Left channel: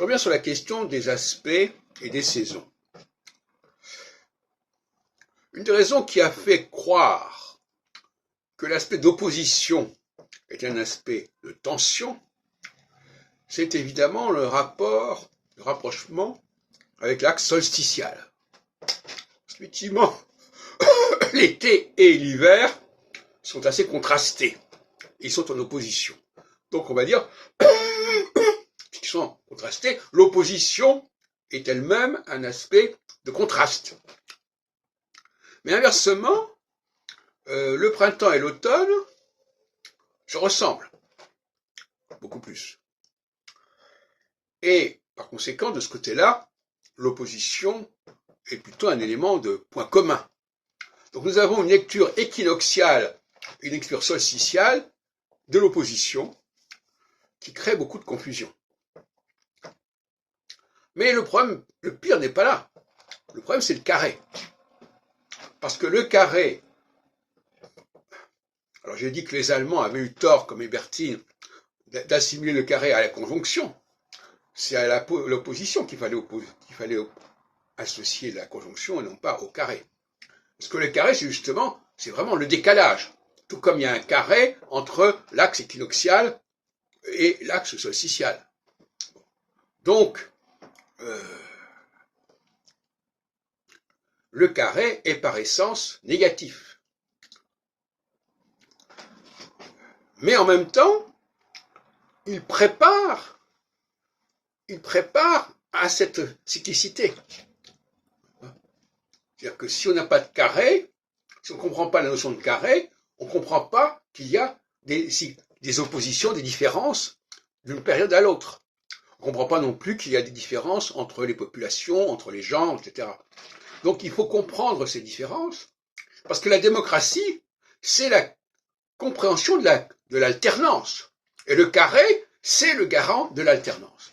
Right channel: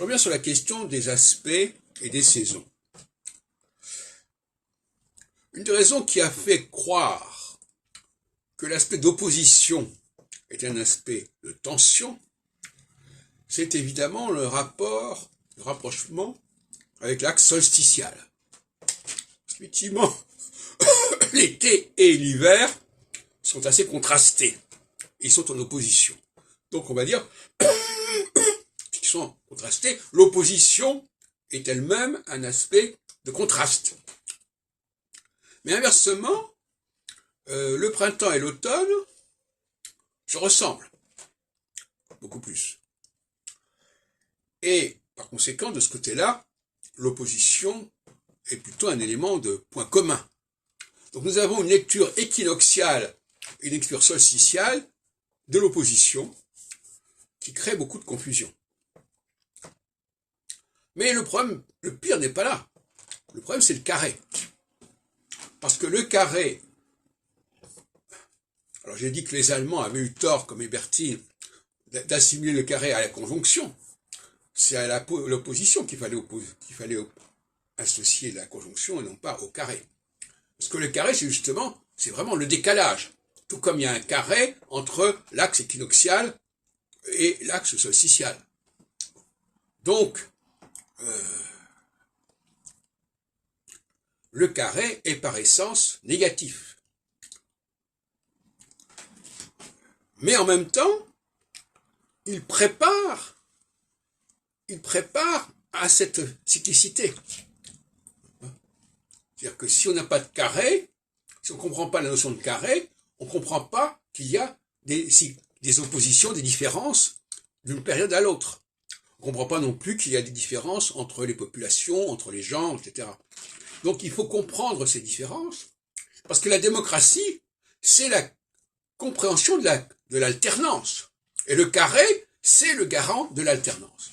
Je reviens sur la question des aspects et des saisons. Une des raisons qui a fait croire que l'aspect d'opposition est un aspect de tension, c'est évidemment le rapprochement avec l'axe solsticial. Effectivement, l'été et l'hiver sont assez contrastés. Ils sont en opposition. Donc on va dire qu'ils sont contrastés. L'opposition est elle-même un aspect de contraste. Mais inversement, le printemps et l'automne se ressemblent beaucoup plus. Et par conséquent, de ce côté-là, l'opposition est plutôt un élément de point commun. Donc nous avons une lecture équinoxiale, une lecture solsticiale de l'opposition qui crée beaucoup de confusion. Mais le problème, le pire n'est pas là. Le problème, c'est le carré. Parce que le carré, alors j'ai dit que les Allemands avaient eu tort, comme Hébertin, d'assimiler le carré à la conjonction. C'est à l'opposition qu'il fallait associer la conjonction et non pas au carré. Parce que le carré, c'est vraiment le décalage. Tout comme il y a un carré entre l'axe équinoxial et l'axe solsticial. Donc, le carré est par essence négatif. Mais en même temps, il prépare à cette cyclicité. C'est-à-dire que si on n'a pas de carré, si on ne comprend pas la notion de carré, on ne comprend pas qu'il y a des oppositions, des différences d'une période à l'autre. On ne comprend pas non plus qu'il y a des différences entre les populations, entre les gens, etc. Donc il faut comprendre ces différences, parce que la démocratie, c'est la compréhension de l'alternance. Et le carré, c'est le garant de l'alternance.